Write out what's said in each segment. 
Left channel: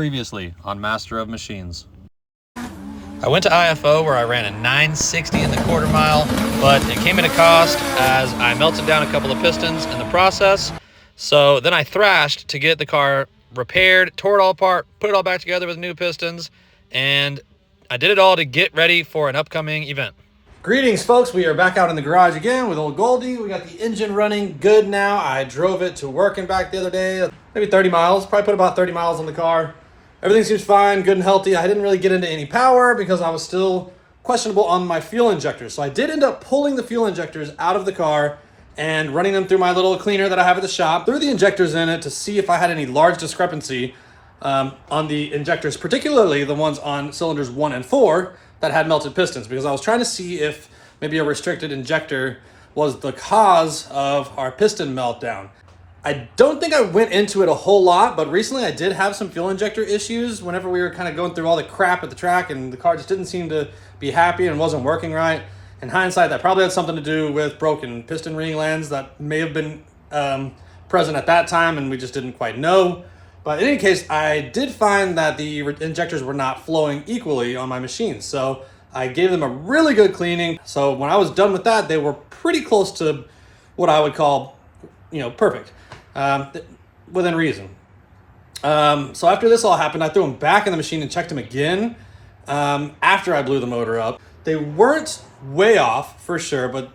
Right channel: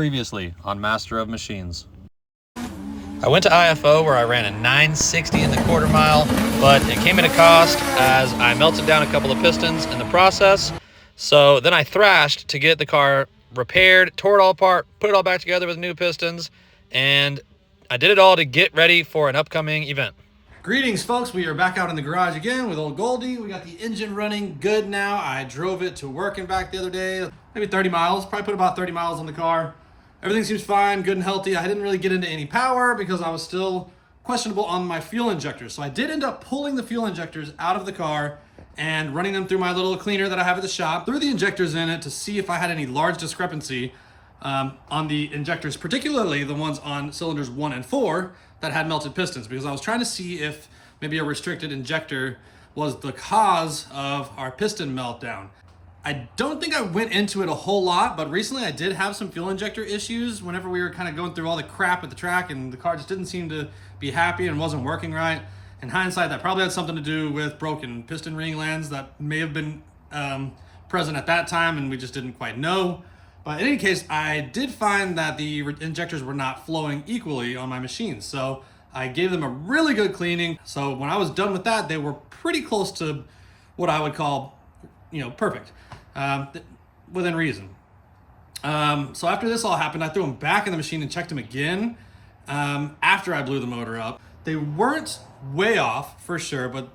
Previously on Master of Machines. I went to IFO where I ran a 960 in the quarter mile, but it came at a cost as I melted down a couple of pistons in the process. So then I thrashed to get the car repaired, tore it all apart, put it all back together with new pistons, and I did it all to get ready for an upcoming event. Greetings, folks. We are back out in the garage again with old Goldie. We got the engine running good now. I drove it to work and back the other day, maybe 30 miles, probably put about 30 miles on the car. Everything seems fine, good and healthy. I didn't really get into any power because I was still questionable on my fuel injectors. So I did end up pulling the fuel injectors out of the car and running them through my little cleaner that I have at the shop. Threw the injectors in it to see if I had any large discrepancy on the injectors, particularly the ones on cylinders 1 and 4 that had melted pistons, because I was trying to see if maybe a restricted injector was the cause of our piston meltdown. I don't think I went into it a whole lot, but recently I did have some fuel injector issues whenever we were kind of going through all the crap at the track and the car just didn't seem to be happy and wasn't working right. In hindsight, that probably had something to do with broken piston ring lands that may have been present at that time and we just didn't quite know. But in any case, I did find that the injectors were not flowing equally on my machine. So I gave them a really good cleaning. So when I was done with that, they were pretty close to what I would call, perfect. Within reason. So after this all happened, I threw them back in the machine and checked them again after I blew the motor up. They weren't way off for sure, but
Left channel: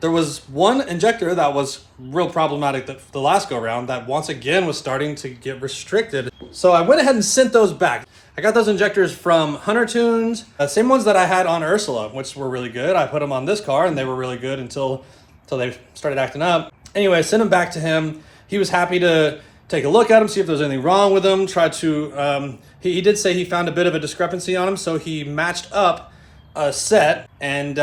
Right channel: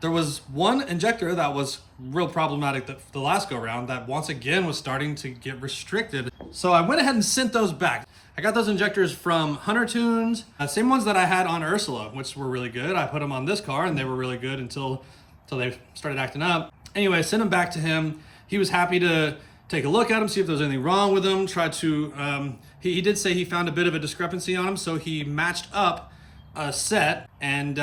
there was one injector that was real problematic the last go round that once again was starting to get restricted. So I went ahead and sent those back. I got those injectors from Hunter Tunes, same ones that I had on Ursula, which were really good. I put them on this car and they were really good until they started acting up. Anyway, I sent them back to him. He was happy to take a look at them, see if there was anything wrong with them. Tried to, he did say he found a bit of a discrepancy on them, so he matched up a set and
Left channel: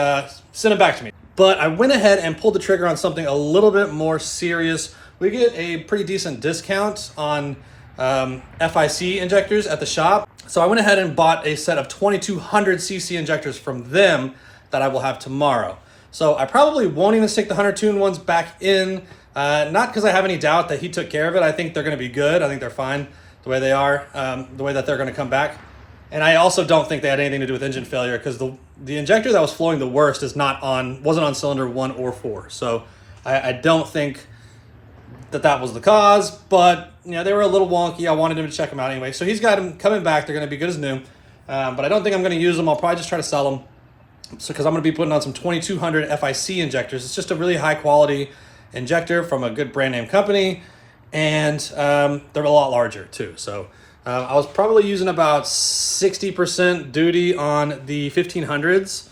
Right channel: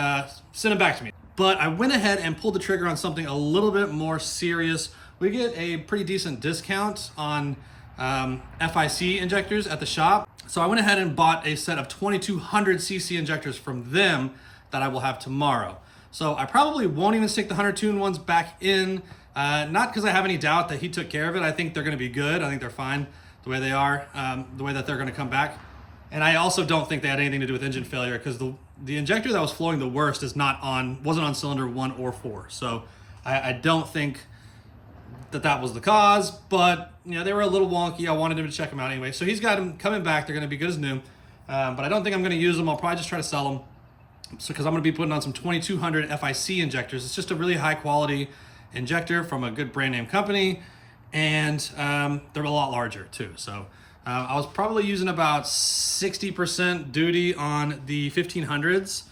sent them back to me. But I went ahead and pulled the trigger on something a little bit more serious. We get a pretty decent discount on FIC injectors at the shop. So I went ahead and bought a set of 2200cc injectors from them that I will have tomorrow. So I probably won't even stick the Hunter Tune ones back in. Not because I have any doubt that he took care of it. I think they're going to be good. I think they're fine the way they are, the way that they're going to come back. And I also don't think they had anything to do with engine failure because the injector that was flowing the worst wasn't on cylinder 1 or 4. So I don't think that was the cause, but they were a little wonky. I wanted him to check them out anyway. So he's got them coming back. They're going to be good as new. But I don't think I'm going to use them. I'll probably just try to sell them. So because I'm going to be putting on some 2200 FIC injectors. It's just a really high quality injector from a good brand name company, and they're a lot larger too. So I was probably using about 60% duty on the 1500s.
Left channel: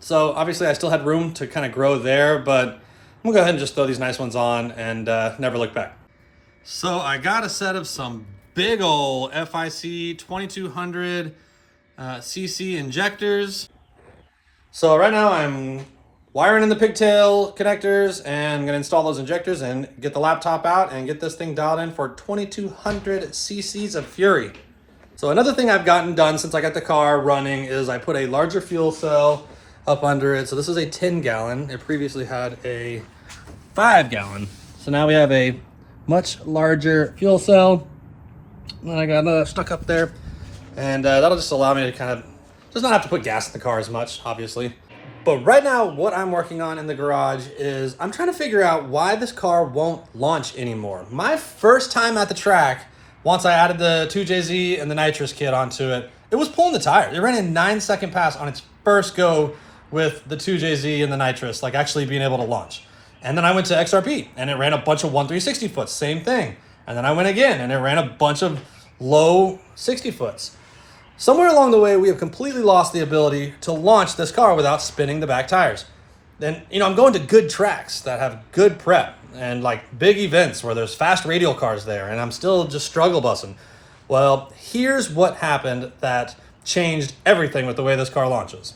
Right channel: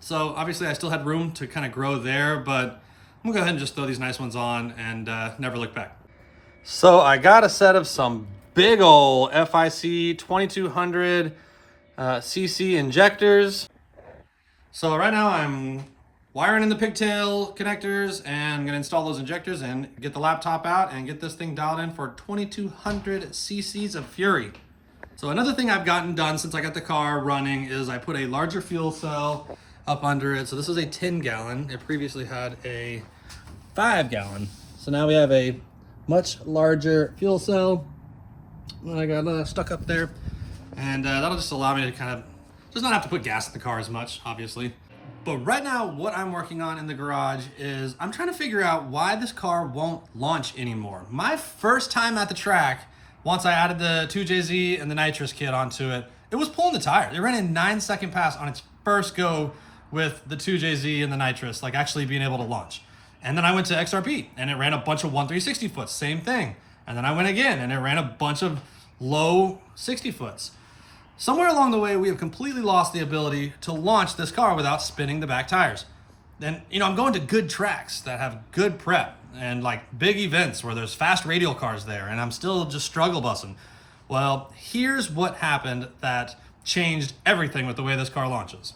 So obviously I still had room to kind of grow there, but I'm gonna go ahead and just throw these nice ones on and never look back. So I got a set of some big old FIC 2200 cc injectors. So right now I'm wiring in the pigtail connectors and I'm gonna install those injectors and get the laptop out and get this thing dialed in for 2200 cc's of fury. So another thing I've gotten done since I got the car running is I put a larger fuel cell up under it. So this is a 10 gallon. It previously had a 5 gallon. So now we have a much larger fuel cell. And I got stuck up there. And that'll just allow me to kind of just not have to put gas in the car as much, obviously. But right now, what I'm working on in the garage is I'm trying to figure out why this car won't launch anymore. My first time at the track, once I added the 2JZ and the nitrous kit onto it, it was pulling the tire. It ran a 9-second pass on its first go with the 2JZ and the nitrous, like actually being able to launch. And then I went to XRP and it ran a bunch of 1/360 foots, same thing. And then I went again and it ran a bunch of low 60 foots. Somewhere along the way, we have completely lost the ability to launch this car without spinning the back tires. Then, I'm going to good tracks that have good prep and like big events where there's fast radial cars there, and I'm still just struggle bussing. Well, here's what happened that changed everything with the way this car launches.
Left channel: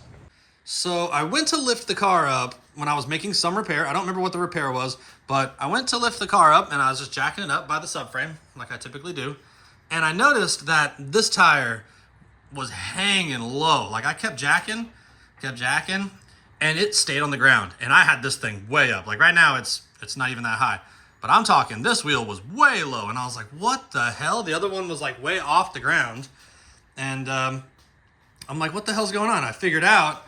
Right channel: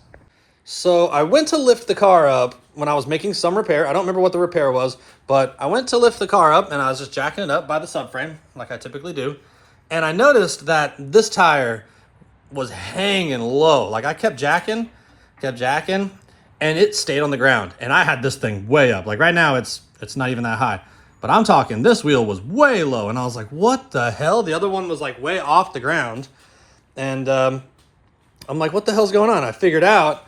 So I went to lift the car up when I was making some repair. I don't remember what the repair was, but I went to lift the car up and I was just jacking it up by the subframe like I typically do. And I noticed that this tire was hanging low. Like I kept jacking, and it stayed on the ground. And I had this thing way up. Like right now, it's not even that high. But I'm talking, this wheel was way low, and I was like, what the hell? The other one was like way off the ground. And I'm like, what the hell's going on? I figured out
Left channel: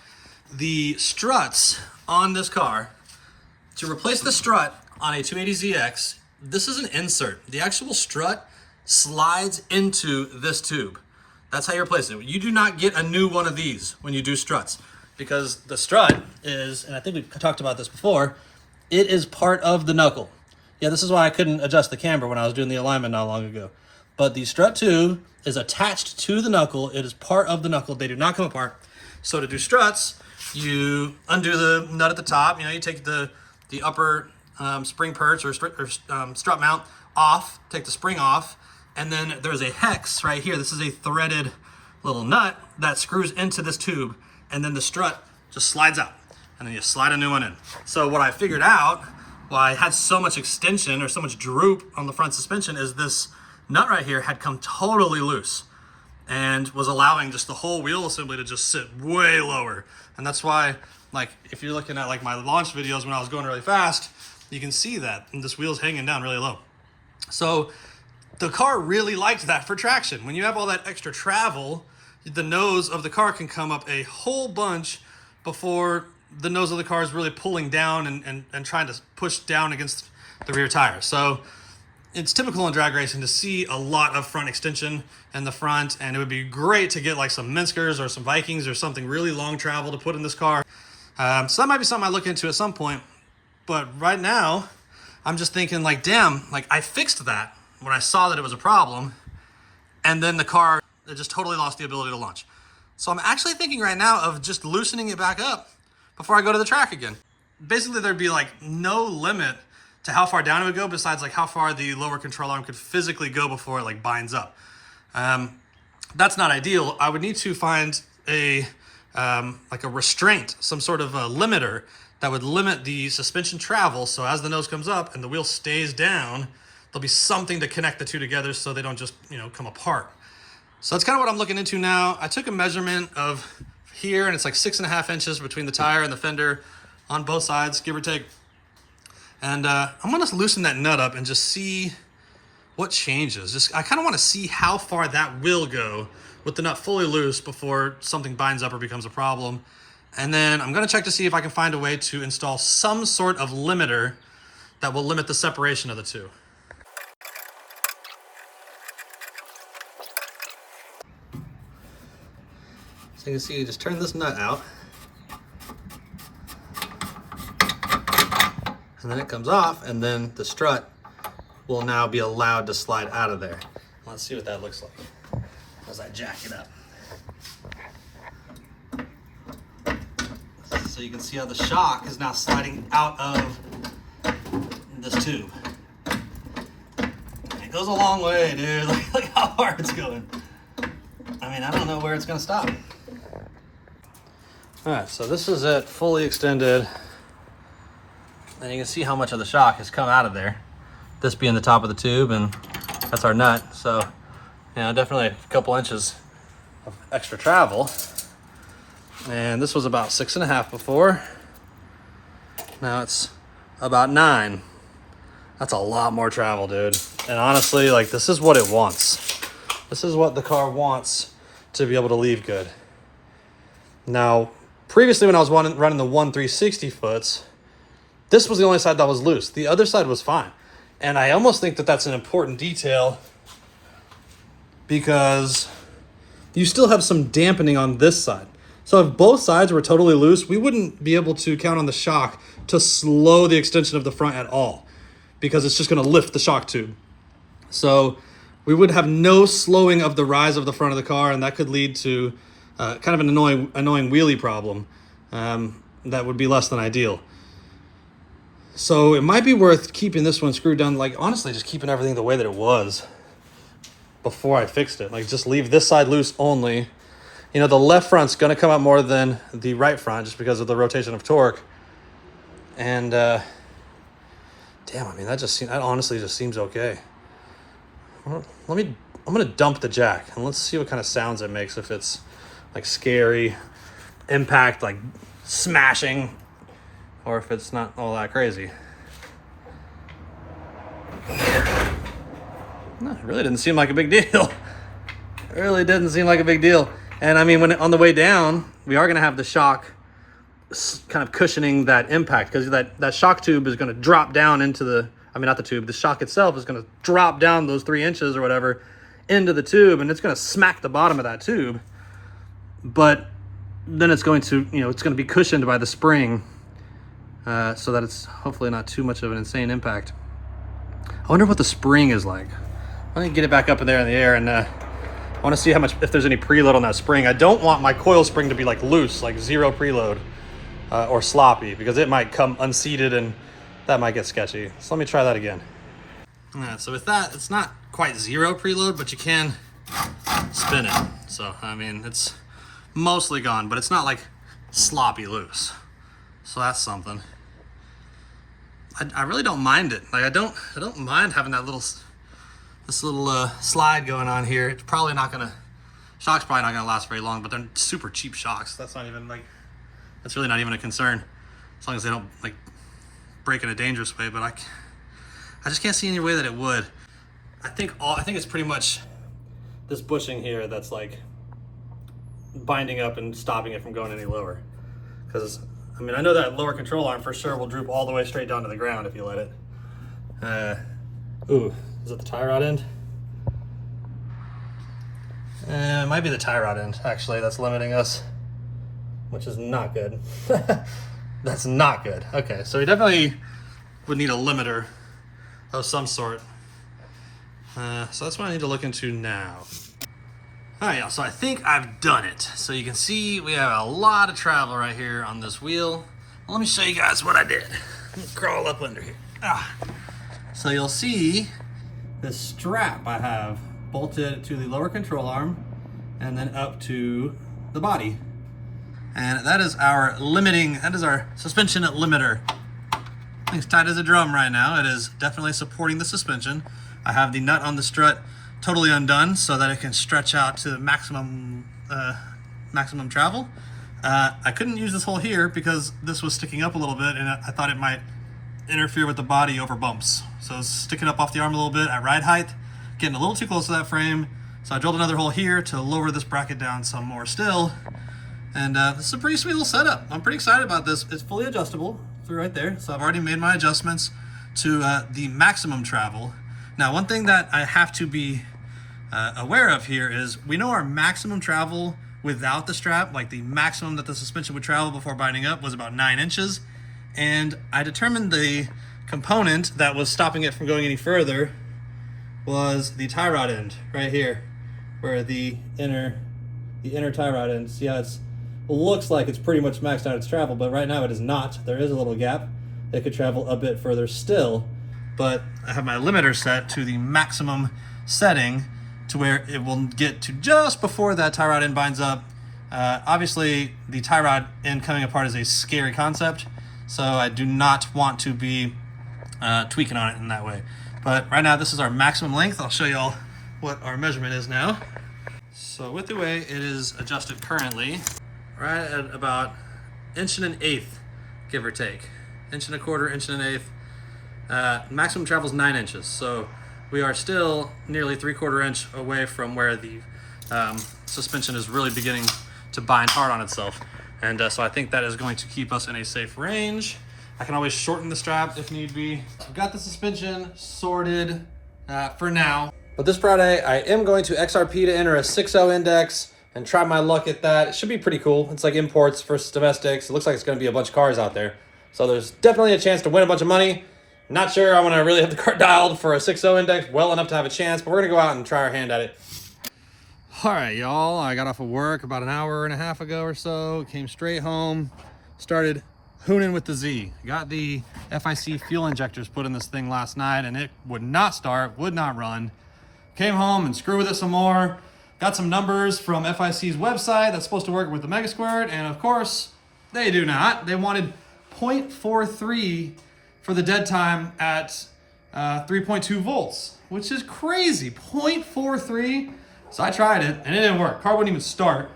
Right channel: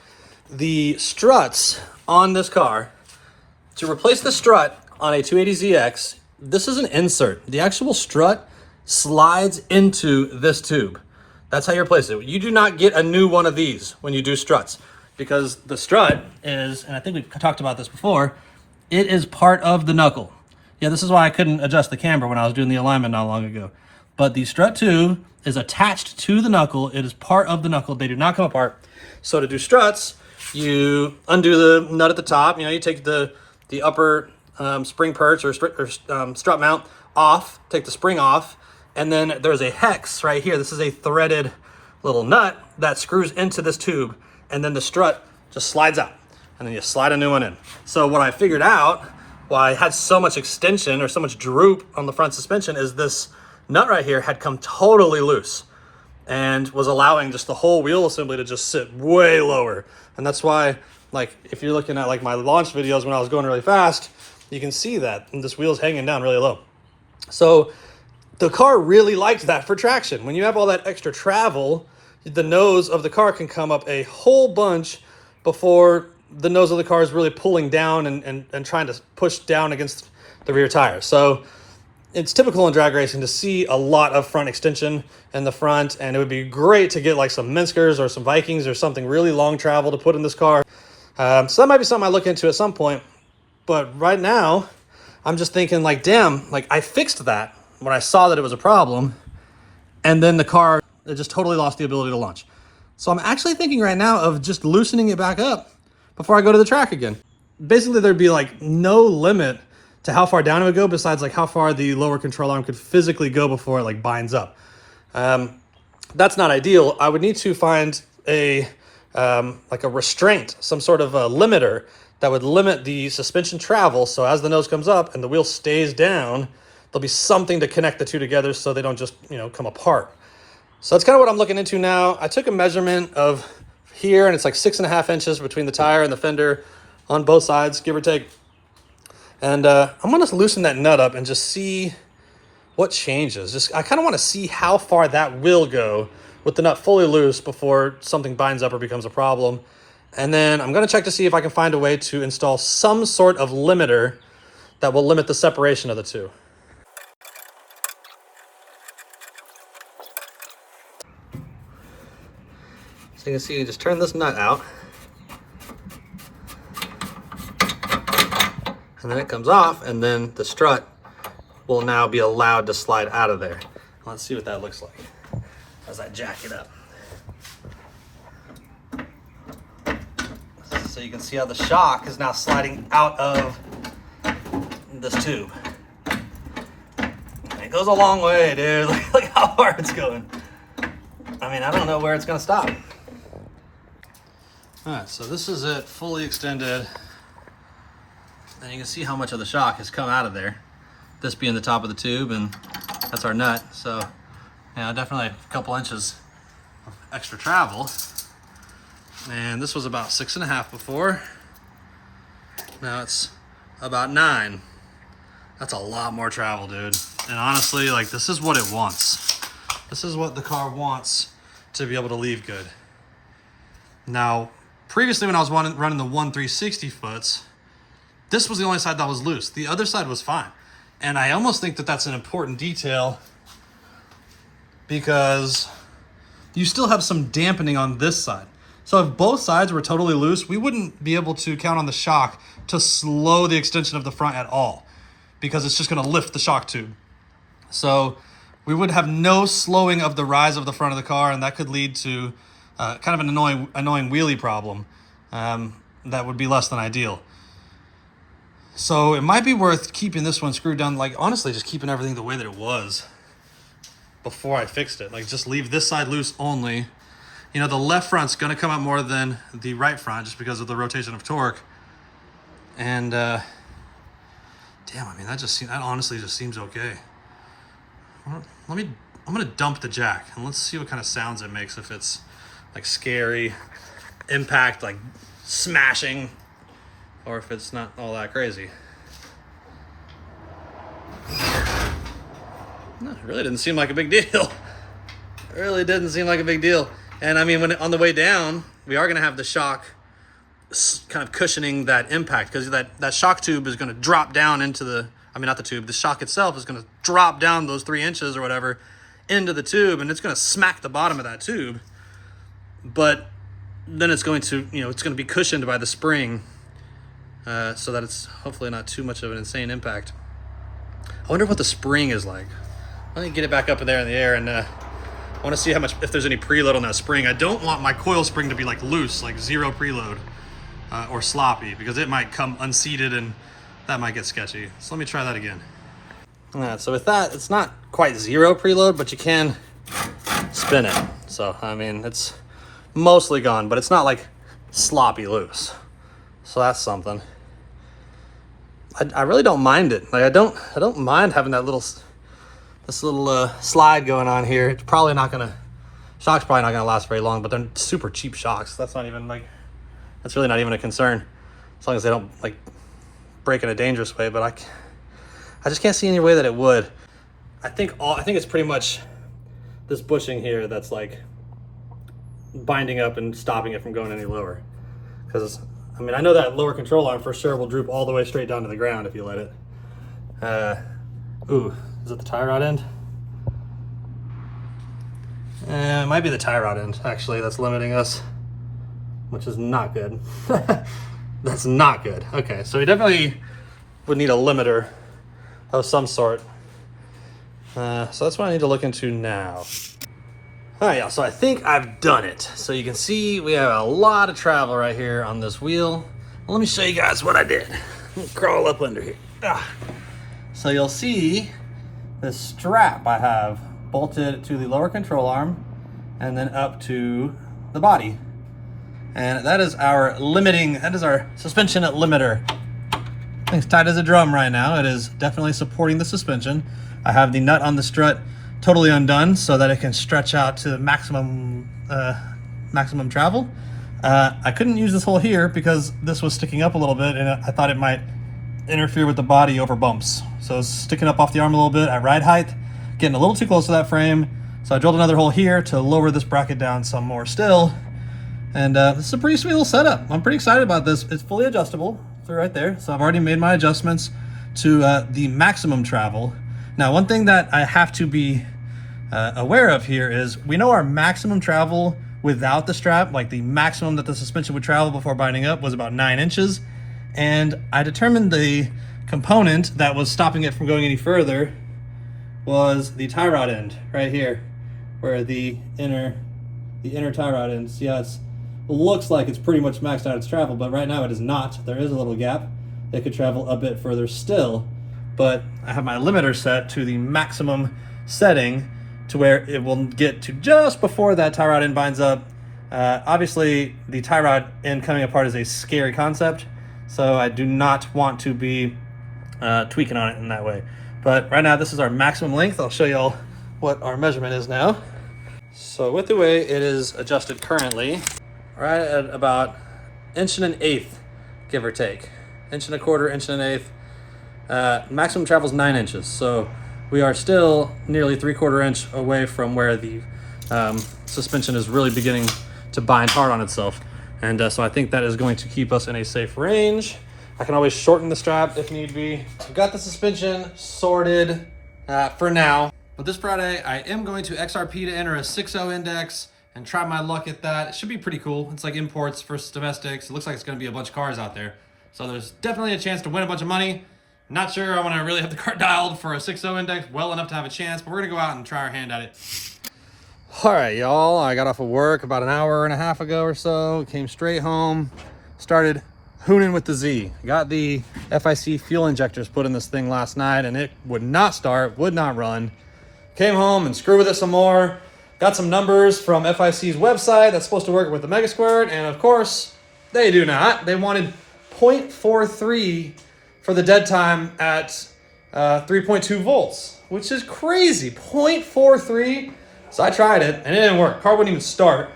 the struts on this car. To replace the strut on a 280ZX, this is an insert. The actual strut slides into this tube. That's how you replace it. You do not get a new one of these when you do struts, because the strut is, and I think we talked about this before, it is part of the knuckle. Yeah, this is why I couldn't adjust the camber when I was doing the alignment not long ago. But the strut tube is attached to the knuckle. It is part of the knuckle. They do not come apart. So to do struts, you undo the nut at the top. You know, you take the upper spring perch or strut mount off, take the spring off, and then there's a hex right here. This is a threaded little nut that screws into this tube, and then the strut just slides out, and then you slide a new one in. So what I figured out, why I had so much extension or so much droop on the front suspension, is this nut right here had come totally loose and was allowing just the whole wheel assembly to just sit way lower. And that's why, like, if you're looking at like my launch videos when I was going really fast, you can see that this wheel's hanging down really low. So the car really liked that for traction. When you have all that extra travel, the nose of the car can come up a whole bunch before the nose of the car is really pulling down and trying to push down against the rear tire. So it's typical in drag racing to see a lot of front extension in the front, and it would be great to get like some Minskers or some Vikings or something really long travel to put in this car. So that might be something I look into at some point. But right now, I'm just thinking like, damn, like I fixed that when I saw that it was a problem, and then the car, it just totally lost the ability to launch. So I'm actually thinking right now of just loosening it back up before I go to the track again. Basically, there'd be like no limit to how far down it would go besides like how far the lower control arm could physically go before it like binds up. That's not ideal. I would need to find a like a restraint, some sort of a limiter that would limit the suspension travel. So as the nose comes up and the wheel stays down, there'll be something to connect the two together so they don't just, you know, come apart. So that's kind of what I'm looking into now. I took a measurement of here, and it's like 6.5 inches between the tire and the fender on both sides, give or take. And I'm gonna loosen that nut up and just see what changes. I kind of want to see how far that will go with the nut fully loose before something binds up or becomes a problem. And then I'm gonna check to see if I can find a way to install some sort of limiter that will limit the separation of the two. So you can see, you just turn this nut out, and then it comes off, and then the strut will now be allowed to slide out of there. Let's see what that looks like as I jack it up. So you can see how the shock is now sliding out of this tube. And it goes a long way, dude. Look how hard it's going. I mean, I don't know where it's gonna stop. All right, so this is it, fully extended. And you can see how much of the shock has come out of there. This being the top of the tube, and that's our nut. So, you know, definitely a couple inches of extra travel. And this was about 6.5 before. Now it's about 9. That's a lot more travel, dude. And honestly, like, this is what it wants. This is what the car wants to be able to leave good. Now, previously when I was running the 1/360 foots, this was the only side that was loose. The other side was fine. And I almost think that that's an important detail because you still have some dampening on this side. So if both sides were totally loose, we wouldn't be able to count on the shock to slow the extension of the front at all because it's just gonna lift the shock tube. So we would have no slowing of the rise of the front of the car, and that could lead to kind of an annoying wheelie problem that would be less than ideal. So it might be worth keeping this one screwed down, like honestly, just keeping everything the way that it was before I fixed it. Like just leave this side loose only. You know, the left front's gonna come out more than the right front just because of the rotation of torque. And damn, I mean, that honestly just seems okay. I'm gonna dump the jack and let's see what kind of sounds it makes, if it's like scary, impact, like smashing, or if it's not all that crazy. No, it really didn't seem like a big deal. It really didn't seem like a big deal. And I mean, when on the way down, we are gonna have the shock kind of cushioning that impact, because that shock tube is gonna drop down into the, I mean, not the tube, the shock itself is gonna drop down those 3 inches or whatever into the tube, and it's gonna smack the bottom of that tube. But then it's going to, you know, it's gonna be cushioned by the spring, so that it's hopefully not too much of an insane impact. I wonder what the spring is like. Let me get it back up in there in the air, and I want to see how much, if there's any preload on that spring. I don't want my coil spring to be like loose, like zero preload, or sloppy, because it might come unseated and that might get sketchy. So let me try that again. All right, so with that, it's not quite zero preload, but you can spin it. So, I mean, it's mostly gone, but it's not like sloppy loose. So that's something. I really don't mind it. Like I don't mind having that this little slide going on here. It's probably not gonna, shock's probably not gonna last very long, but they're super cheap shocks. That's not even like, that's really not even a concern, as long as they don't like break in a dangerous way. But I just can't see any way that it would. I think it's pretty much this bushing here that's like binding up and stopping it from going any lower. Because I mean, I know that lower control arm for sure will droop all the way straight down to the ground if you let it. Ooh, is it the tie rod end? It might be the tie rod end, actually, that's limiting us, which is not good. That's not good. Okay, so we definitely would need a limiter of some sort. So that's what I need to look into now. All right, y'all, so I think I've done it. So you can see we have a lot of travel right here on this wheel. Well, let me show you guys what I did. Let me crawl up under here. So you'll see this strap I have bolted to the lower control arm and then up to the body. And that is our suspension limiter. It's tight as a drum right now. It is definitely supporting the suspension. I have the nut on the strut totally undone so that it can stretch out to the maximum travel. I couldn't use this hole here because this was sticking up a little bit and I thought it might interfere with the body over bumps. So it's sticking up off the arm a little bit at ride height, getting a little too close to that frame. So I drilled another hole here to lower this bracket down some more still. And this is a pretty sweet little setup. I'm pretty excited about this. It's fully adjustable through right there. So I've already made my adjustments to the maximum travel. Now, one thing that I have to be aware of here is we know our maximum travel without the strap, like the maximum that the suspension would travel before binding up was about 9 inches. And I determined the component that was stopping it from going any further was the tie rod end right here, where the inner tie rod end. See how it looks like it's pretty much maxed out its travel, but right now it is not. There is a little gap. It could travel a bit further still, but I have my limiter set to the maximum setting to where it will get to just before that tie rod end binds up. Obviously, the tie rod end coming apart is a scary concept, so I do not want to be tweaking on it in that way. But right now, this is our maximum length. I'll show y'all what our measurement is now. So with the way it is adjusted currently, right at about 1 1/8, give or take. 1 1/4, 1 1/8. Maximum travel is 9 inches. So we are still nearly 3/4 inch away from where the suspension is really beginning to bind hard on itself. And so I think that is going to keep us in a safe range. I can always shorten the strap if need be. I've got the suspension sorted for now. But this Friday, I am going to XRP to enter a 6.0 index and try my luck at that. It should be pretty cool. It's like imports versus domestics. It looks like it's gonna be a bunch of cars out there. So there's definitely a chance to win a bunch of money. Not sure I'm gonna really have the car dialed for a 6.0 index well enough to have a chance, but we're gonna go out and try our hand at it. All right, y'all, I got off of work about an hour and a half ago or so, came straight home, started hooning with the Z. Got the FIC fuel injectors put in this thing last night and it would not start, would not run. Came home and screwed with it some more. Got some numbers from FIC's website that's supposed to work with the Mega Squirt, and of course, they do not. They wanted 0.43 for the dead time at 3.2 volts, which is crazy, 0.43. So I tried it and it didn't work. Car wouldn't even start.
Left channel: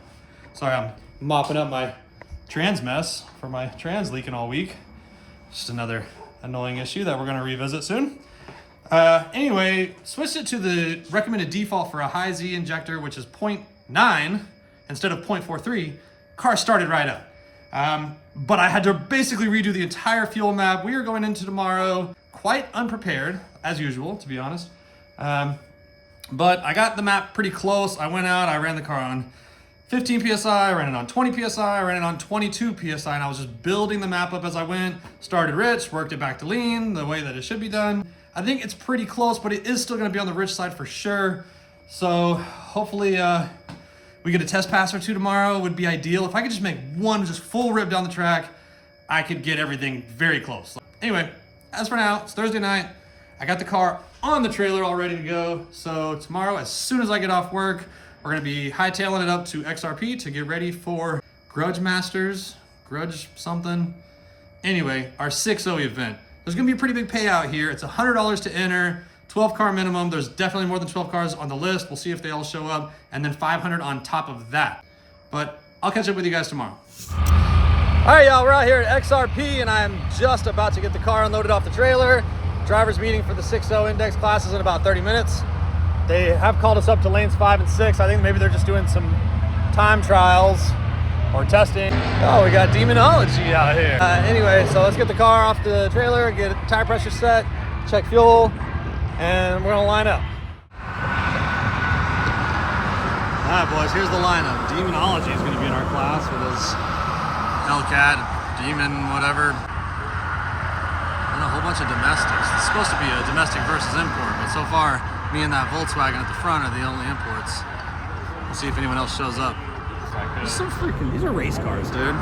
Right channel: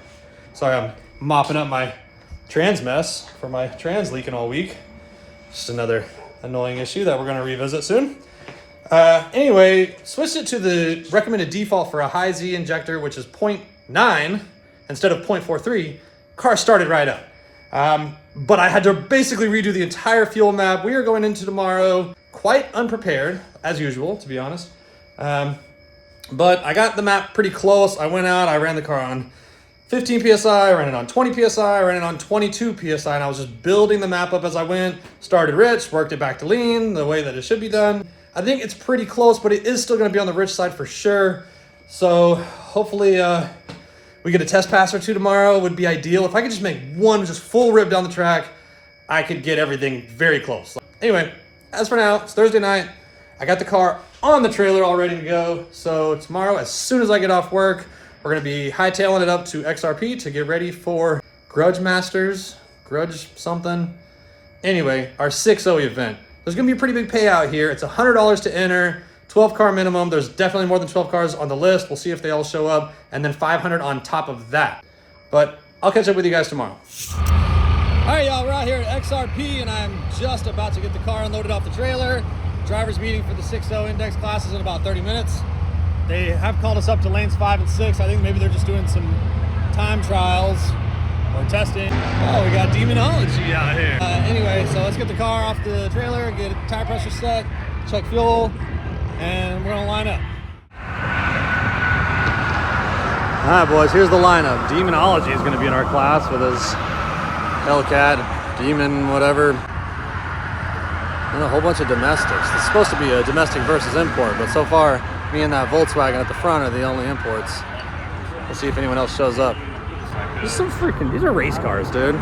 Sorry, I'm mopping up my trans mess for my trans leaking all week. Just another annoying issue that we're gonna revisit soon. Anyway, switched it to the recommended default for a high Z injector, which is 0.9 instead of 0.43. Car started right up. But I had to basically redo the entire fuel map. We are going into tomorrow quite unprepared, as usual, to be honest. But I got the map pretty close. I went out, I ran the car on 15 PSI, I ran it on 20 PSI, I ran it on 22 PSI, and I was just building the map up as I went. Started rich, worked it back to lean, the way that it should be done. I think it's pretty close, but it is still gonna be on the rich side for sure. So hopefully we get a test pass or two tomorrow. Would be ideal. If I could just make one just full rip down the track, I could get everything very close. Anyway, as for now, it's Thursday night. I got the car on the trailer all ready to go. So tomorrow, as soon as I get off work, we're gonna be hightailing it up to XRP to get ready for Grudge Masters, Grudge something. Anyway, our 6-0 event. There's gonna be a pretty big payout here. It's $100 to enter, 12 car minimum. There's definitely more than 12 cars on the list. We'll see if they all show up, and then 500 on top of that. But I'll catch up with you guys tomorrow. All right, y'all, we're out here at XRP, and I'm just about to get the car unloaded off the trailer. Driver's meeting for the 6-0 index classes in about 30 minutes. They have called us up to lanes 5 and 6. I think maybe they're just doing some time trials or testing. Oh, we got demonology out here. Anyway, so let's get the car off the trailer, get tire pressure set, check fuel, and we're gonna line up. All right, boys, here's the lineup. Demonology is gonna be in our class with his Hellcat, Demon, whatever. And a whole bunch of domestics. It's supposed to be a domestic versus import, but so far, me and that Volkswagen at the front are the only imports. We'll see if anyone else shows up. These are race cars, dude.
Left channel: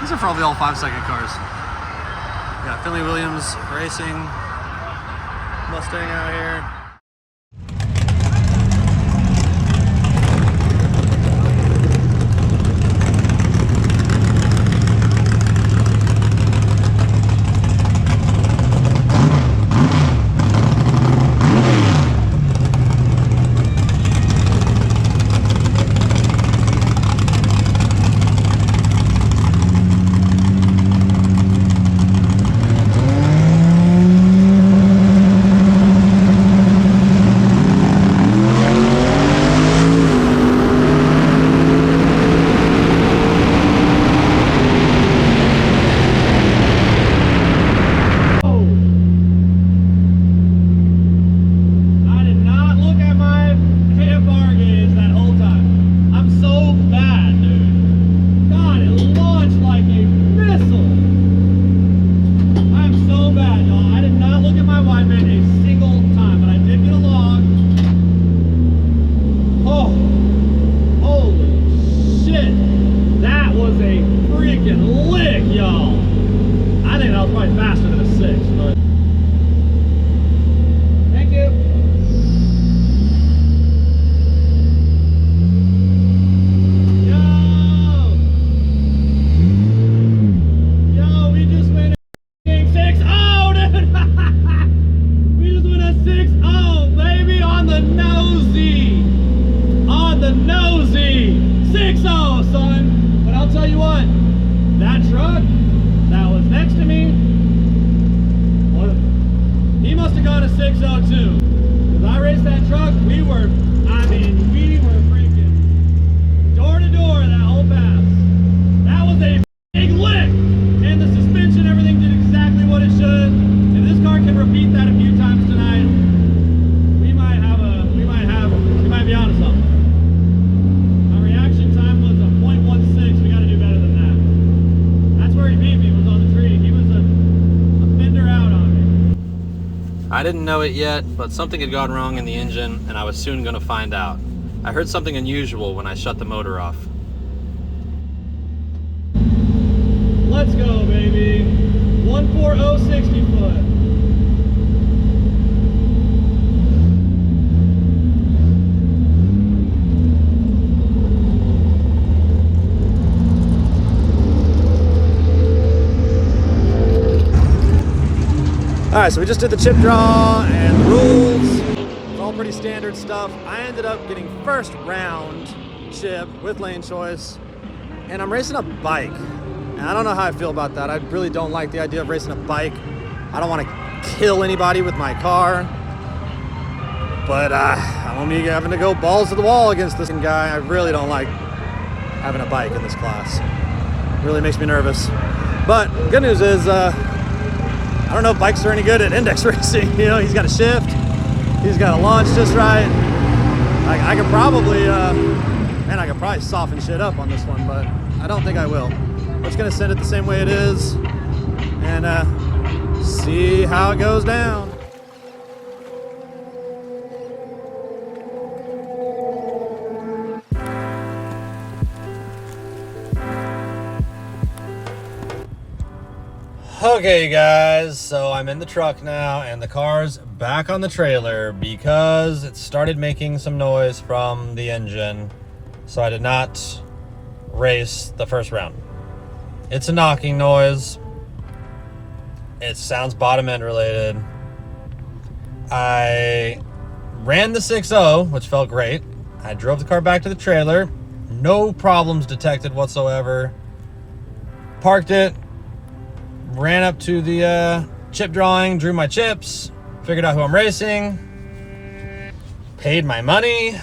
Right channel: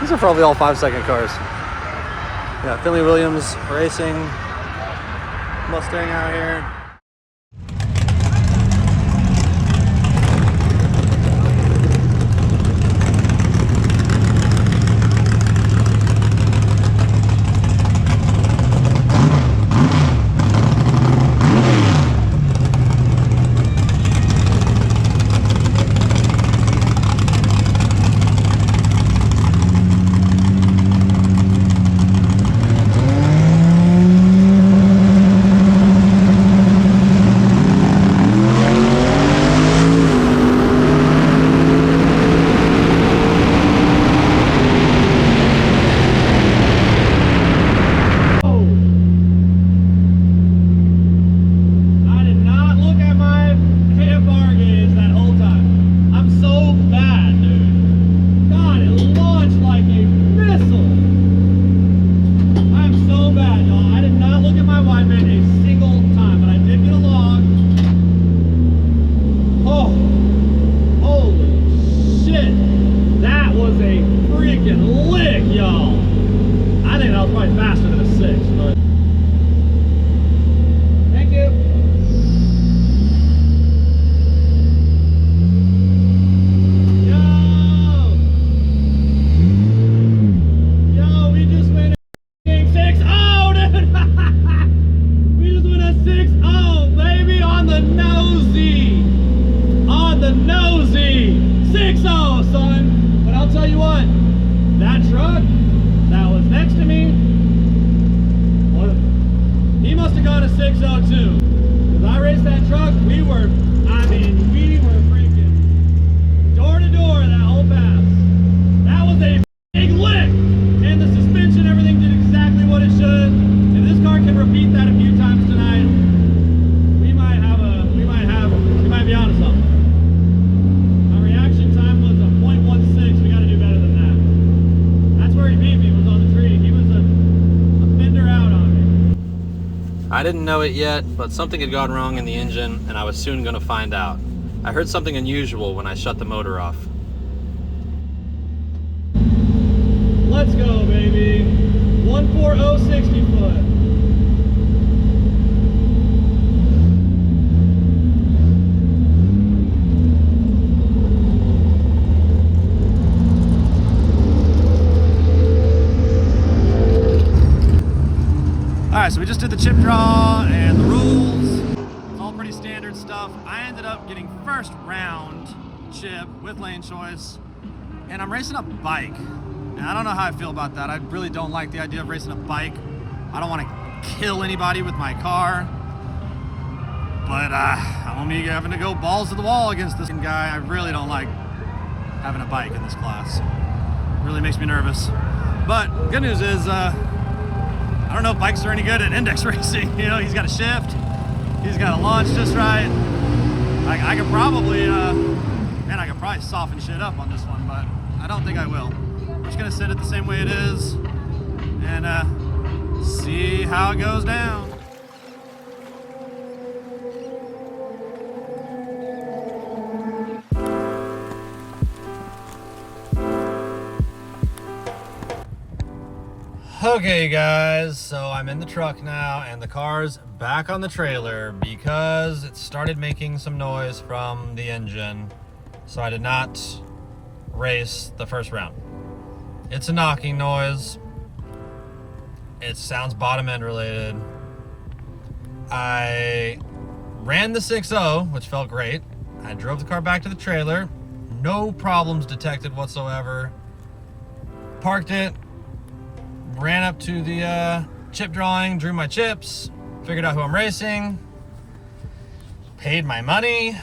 These are probably all 5-second cars. Yeah, Finley Williams Racing Mustang out here. I didn't know it yet, but something had gone wrong in the engine, and I was soon going to find out. I heard something unusual when I shut the motor off. Let's go, baby. 140 60 foot. All right, so we just did the chip draw and the rules. It's all pretty standard stuff. I ended up getting first round chip with lane choice, and I'm racing a bike. And I don't know how I feel about that. I really don't like the idea of racing a bike. I don't want to kill anybody with my car. But I'm only having to go balls to the wall against this guy. I really don't like having a bike in this class. It really makes me nervous. But good news is, I don't know if bikes are any good at index racing. You know, he's got a shift, he's got a launch just right. I could probably, I could probably soften shit up on this one, but I don't think I will. I'm just gonna send it the same way it is and see how it goes down. Okay, you guys, so I'm in the truck now and the car's back on the trailer because it started making some noise from the engine, so I did not race the first round. It's a knocking noise. It sounds bottom end related. I ran the 6.0, which felt great. I drove the car back to the trailer. No problems detected whatsoever. Parked it. Ran up to the chip drawing, drew my chips, figured out who I'm racing, paid my money,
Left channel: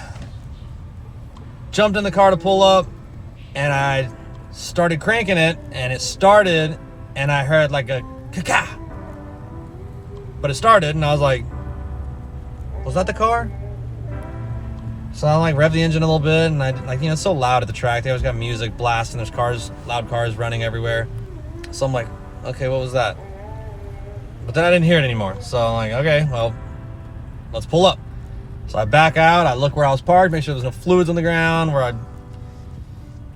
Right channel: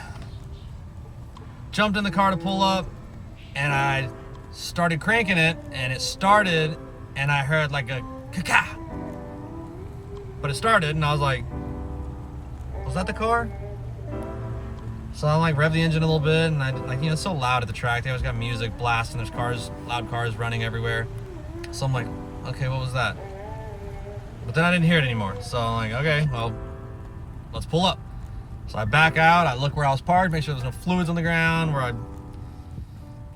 jumped in the car to pull up, and I started cranking it, and it started, and I heard like a ka-ka. But it started, and I was like, was that the car? So I like rev the engine a little bit, and I like, you know, it's so loud at the track. They always got music blasting. There's cars, loud cars running everywhere. So I'm like, okay, what was that? But then I didn't hear it anymore. So I'm like, okay, well, let's pull up. So I back out, I look where I was parked, make sure there's no fluids on the ground, where I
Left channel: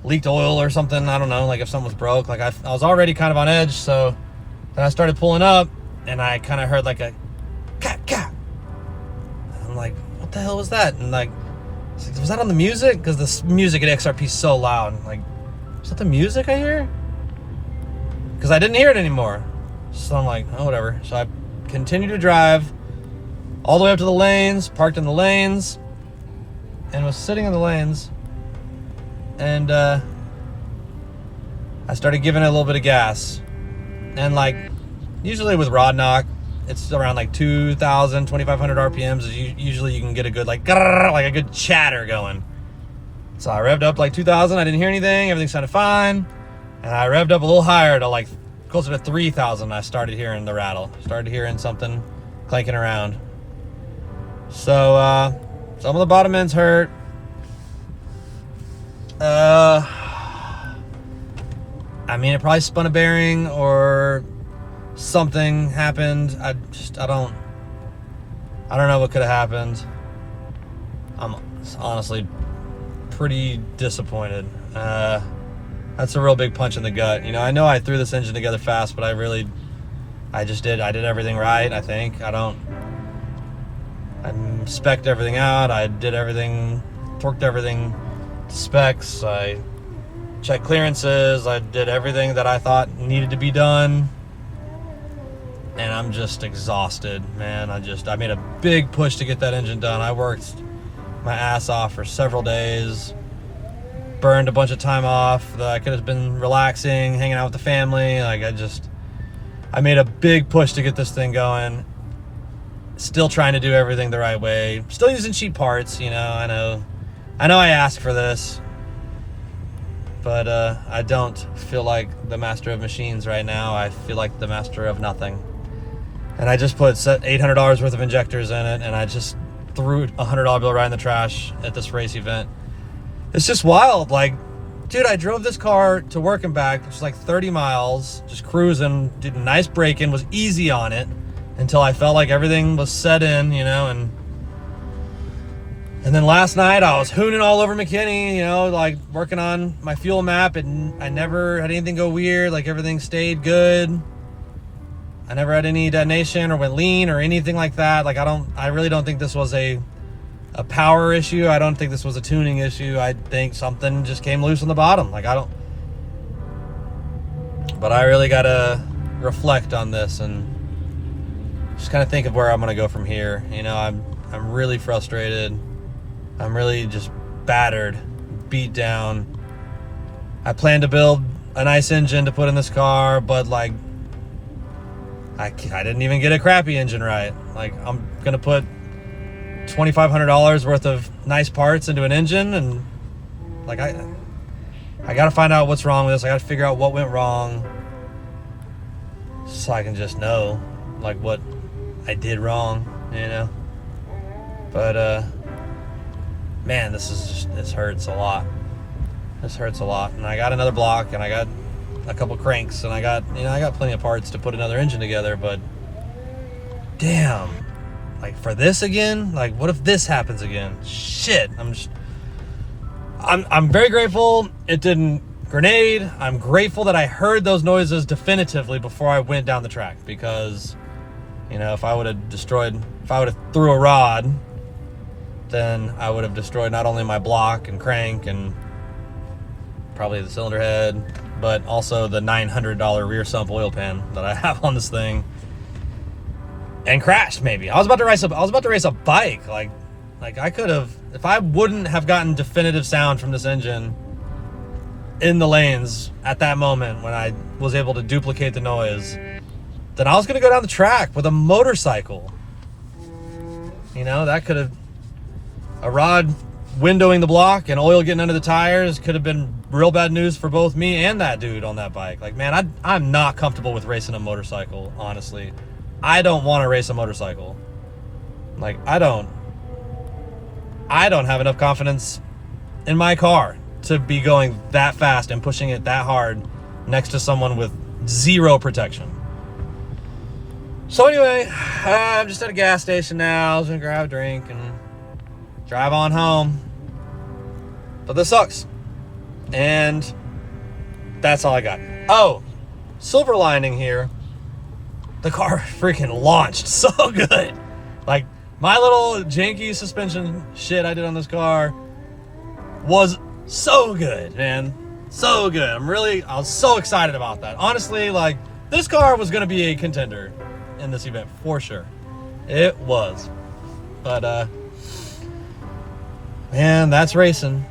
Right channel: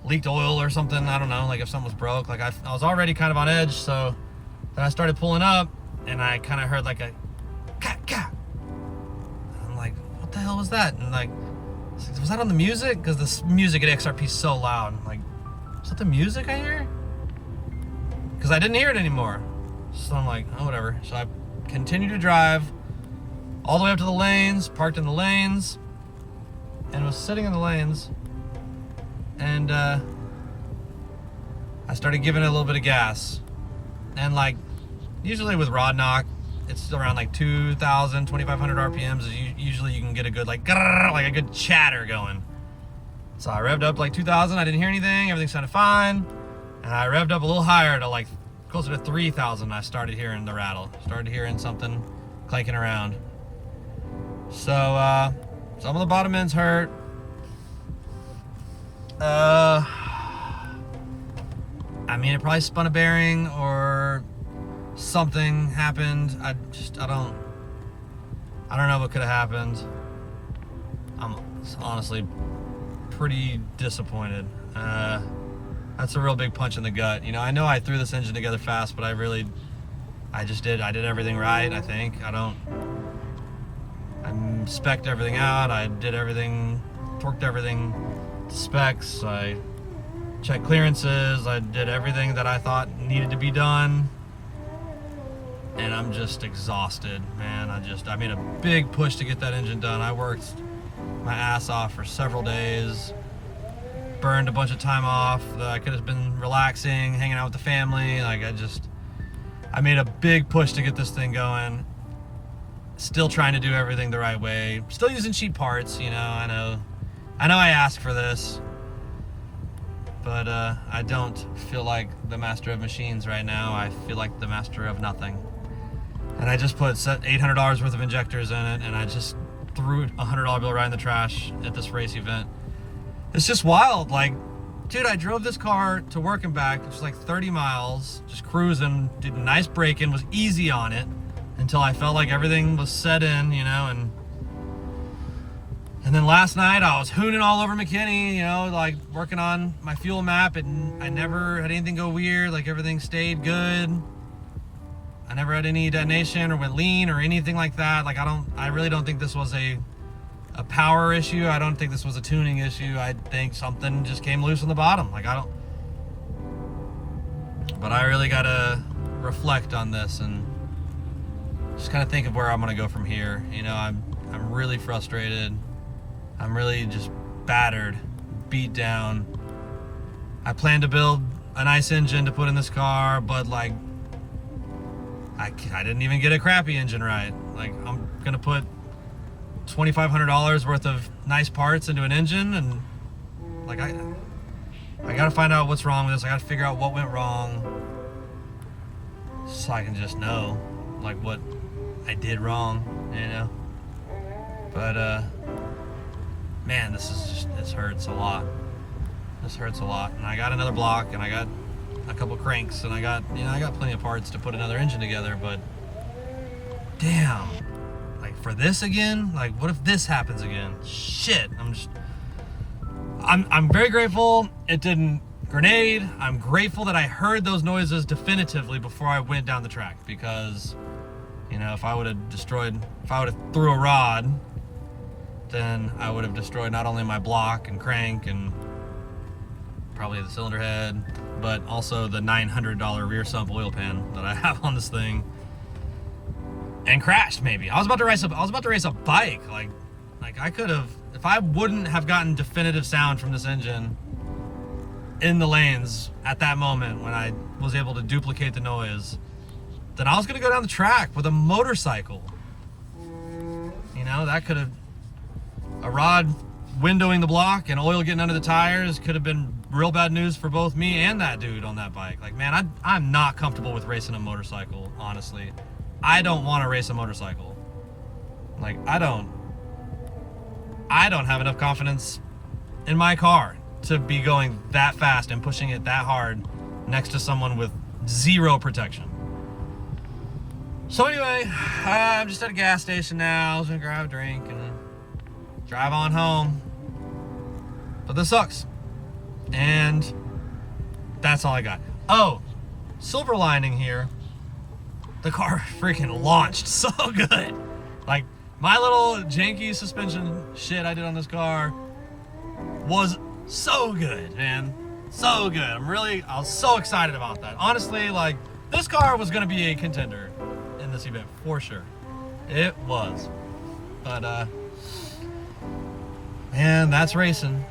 leaked oil or something. I don't know, like if something was broke. Like I was already kind of on edge, so then I started pulling up and I kind of heard like a ka-ka. I'm like, what the hell was that? And like, was that on the music? Because the music at XRP is so loud. Like, is that the music I hear? Because I didn't hear it anymore. So I'm like, oh, whatever. So I continued to drive all the way up to the lanes, parked in the lanes, and was sitting in the lanes. And I started giving it a little bit of gas. And like, usually with rod knock, it's around like 2,000, 2,500 RPMs. Usually you can get a good like a good chatter going. So I revved up like 2,000. I didn't hear anything. Everything sounded fine. And I revved up a little higher to like closer to 3,000. I started hearing the rattle. Started hearing something clanking around. So some of the bottom ends hurt. I mean, it probably spun a bearing or something happened. I don't know what could have happened. I'm honestly pretty disappointed. That's a real big punch in the gut. You know I threw this engine together fast, but I did everything right, I think. I spec'd everything out. I did everything, torqued everything to specs. I checked clearances. I did everything that I thought needed to be done. And I'm just exhausted, man. I made a big push to get that engine done. I worked my ass off for several days. Burned a bunch of time off that I could have been relaxing, hanging out with the family. Like I made a big push to get this thing going. Still trying to do everything the right way. Still using cheap parts, you know. I know I asked for this, but I don't feel like the master of machines right now. I feel like the master of nothing. And I just put $800 worth of injectors in it, and I just threw a $100 bill right in the trash at this race event. It's just wild. Like, dude, I drove this car to work and back, just like 30 miles, just cruising, did a nice break-in, was easy on it until I felt like everything was set in, you know, and then last night I was hooning all over McKinney, you know, like working on my fuel map, and I never had anything go weird. Like everything stayed good. I never had any detonation or went lean or anything like that. Like I really don't think this was a power issue. I don't think this was a tuning issue. I think something just came loose on the bottom. But I really gotta reflect on this and just kind of think of where I'm gonna go from here. You know, I'm really frustrated. I'm really just battered, beat down. I plan to build a nice engine to put in this car, but like I didn't even get a crappy engine right. Like, I'm gonna put $2,500 worth of nice parts into an engine, and like I gotta find out what's wrong with this. I gotta figure out what went wrong, so I can just know like what I did wrong, you know. But man, this hurts a lot. This hurts a lot. And I got another block, and I got a couple cranks, and I got plenty of parts to put another engine together, but damn, like for this again, like what if this happens again? Shit, I'm very grateful it didn't grenade. I'm grateful that I heard those noises definitively before I went down the track, because, you know, if I would have threw a rod, then I would have destroyed not only my block and crank and probably the cylinder head, but also the $900 rear sump oil pan that I have on this thing, and crashed. Maybe I was about to race a bike. Like I could have, if I wouldn't have gotten definitive sound from this engine in the lanes at that moment when I was able to duplicate the noise, then I was gonna go down the track with a motorcycle. You know, that could have, a rod windowing the block and oil getting under the tires could have been real bad news for both me and that dude on that bike. Like, man, I'm not comfortable with racing a motorcycle, honestly. I don't want to race a motorcycle. Like, I don't have enough confidence in my car to be going that fast and pushing it that hard next to someone with zero protection. So anyway, I'm just at a gas station now. I was gonna grab a drink and drive on home. But this sucks. And that's all I got. Oh, silver lining here. The car freaking launched so good. Like, my little janky suspension shit I did on this car was so good, man. So good. I was so excited about that. Honestly, like, this car was gonna be a contender in this event for sure. It was. But man, that's racing.